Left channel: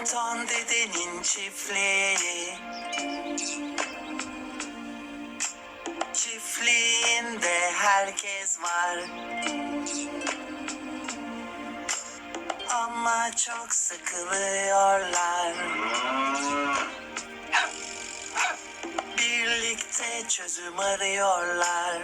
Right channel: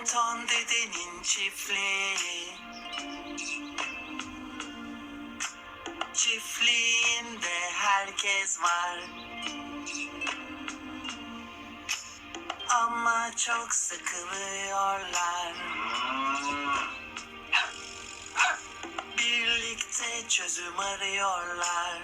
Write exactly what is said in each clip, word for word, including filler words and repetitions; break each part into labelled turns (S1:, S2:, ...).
S1: Tonton dedenin çiftliği. Çiftliğinde herkes var. Ama çok sıkılıyorlar. Birlikte çözüm arıyorlar.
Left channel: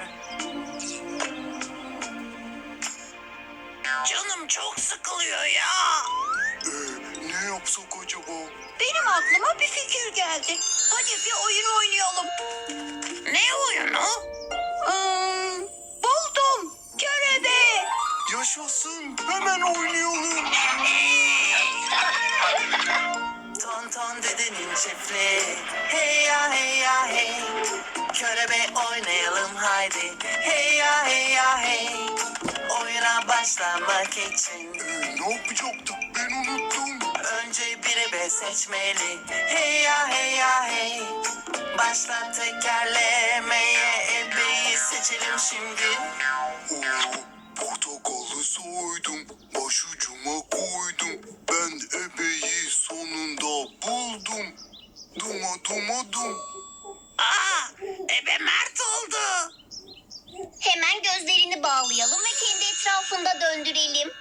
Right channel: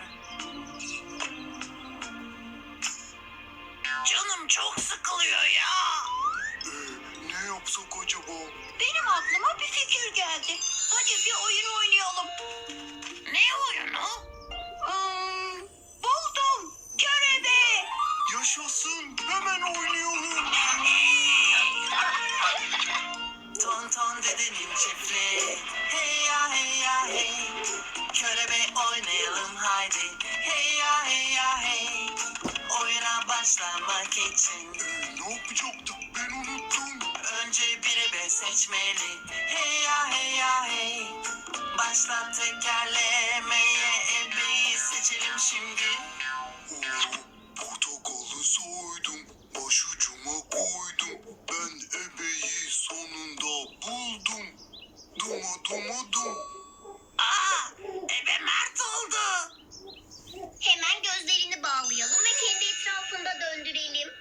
S1: Canım çok sıkılıyor ya.
S2: Ee, ne yapsak acaba?
S3: Benim aklıma bir fikir geldi. Hadi bir oyun oynayalım.
S1: Ne oyunu?
S3: Hmm, buldum. Körebe.
S2: Yaşasın, hemen oynayalım.
S1: Tonton dedenin çiftliği. Hey ya hey ya hey. Körebe oynayalım haydi. Hey ya hey ya hey. Oyuna başlamak için
S2: Ee, ne yapacaktık, ben unuttum.
S1: önce bir ebe seçmeli. Hey ya hey ya hey. Başla tekerlemeye, ebeyi seçelim şimdi.
S2: Oo, portakalı soydum, başucuma koydum. Ben ebeyi sonunda buldum. Duma duma dum.
S1: Aa, ebe Mert oldu.
S4: Hemen gözlerini bağlayalım ve kendi etrafında döndürelim.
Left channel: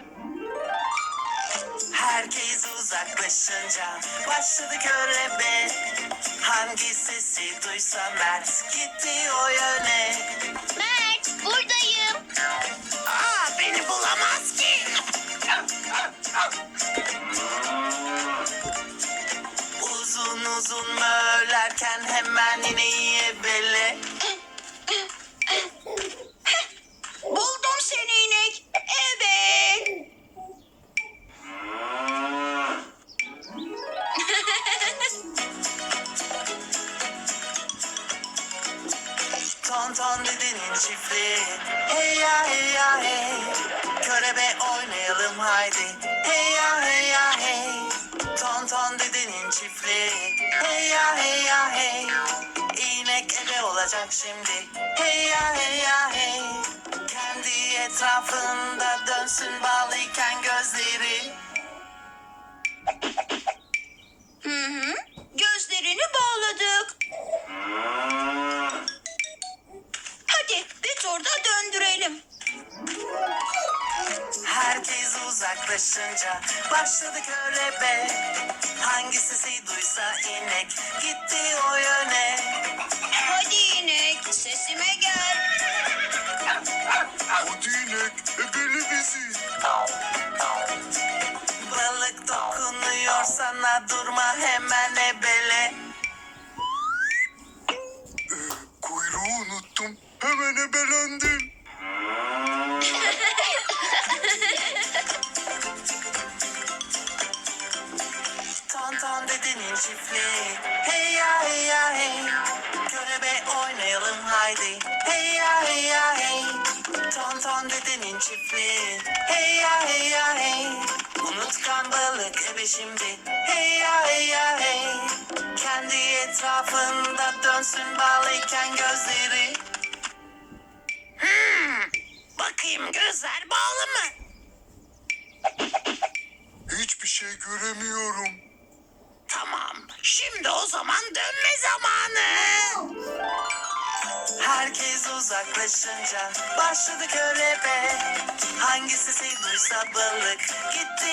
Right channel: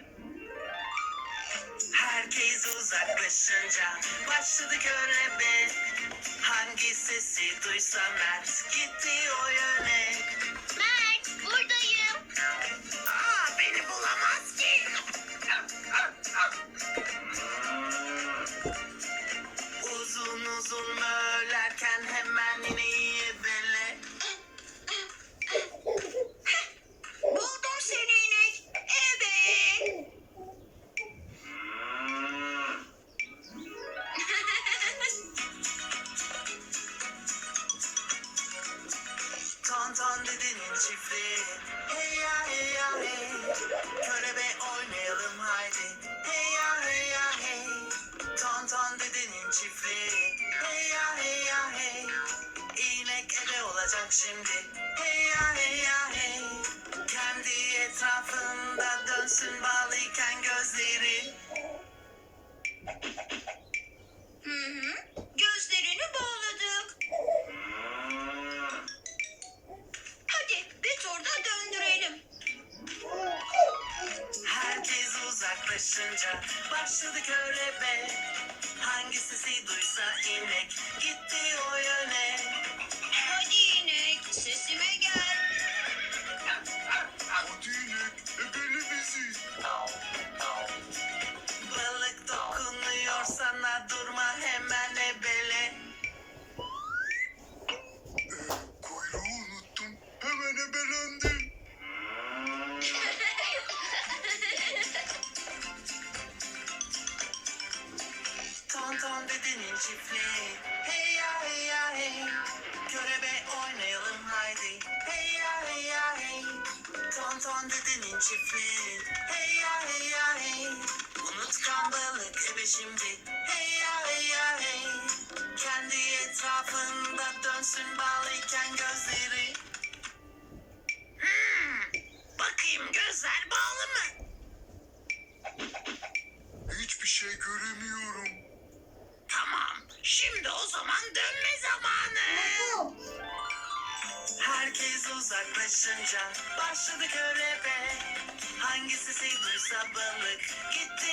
S1: Herkes uzaklaşınca başladı körebe. Hangi sesi duysa Mert gitti o yöne.
S4: Mert, buradayım.
S1: Aa, beni bulamaz ki. Uzun uzun mörlerken hemen ineği ebele.
S3: Buldum seni inek. Evet.
S1: Tonton dedenin çiftliği. Hey ya hey ya hey. Körebe oynayalım haydi. Hey ya hey ya hey. Tonton dedenin çiftliği. Hey ya hey ya hey. İnek ebe olacak şimdi. Hey ya hey ya hey. Kendi etrafında dönsün bağlıyken gözleri.
S3: Hı hı. Gözlerini bağladık. Hadi bir turda döndürelim.
S1: Herkes uzaklaşınca başladı körebe. Hangi sesi duysa inek gitti o yöne.
S3: Hadi inek sesime gel.
S2: Hadi inek, ebele bizi.
S1: Balık dokunuyor sana, durma hemen ebele.
S2: Ee, kuyruğu unuttum, hemen ebelendim.
S1: Tonton dedenin çiftliği. Hey ya hey ya hey. Körebe oynayalım haydi. Hey ya hey ya hey. Tonton dedenin çiftliği. Hey ya hey ya hey. Unutkan balık ebe şimdi. Hey ya hey ya hey. Kendi etrafında dönsün bağlıyken gözleri. Hmm, bakayım gözler bağlı mı?
S2: Hiçbir şey göremiyorum.
S1: Tamam, şimdi o zaman dönme zamanı. Herkes uzaklaşınca başladı körebe. Hangi sesi duysa balık gitti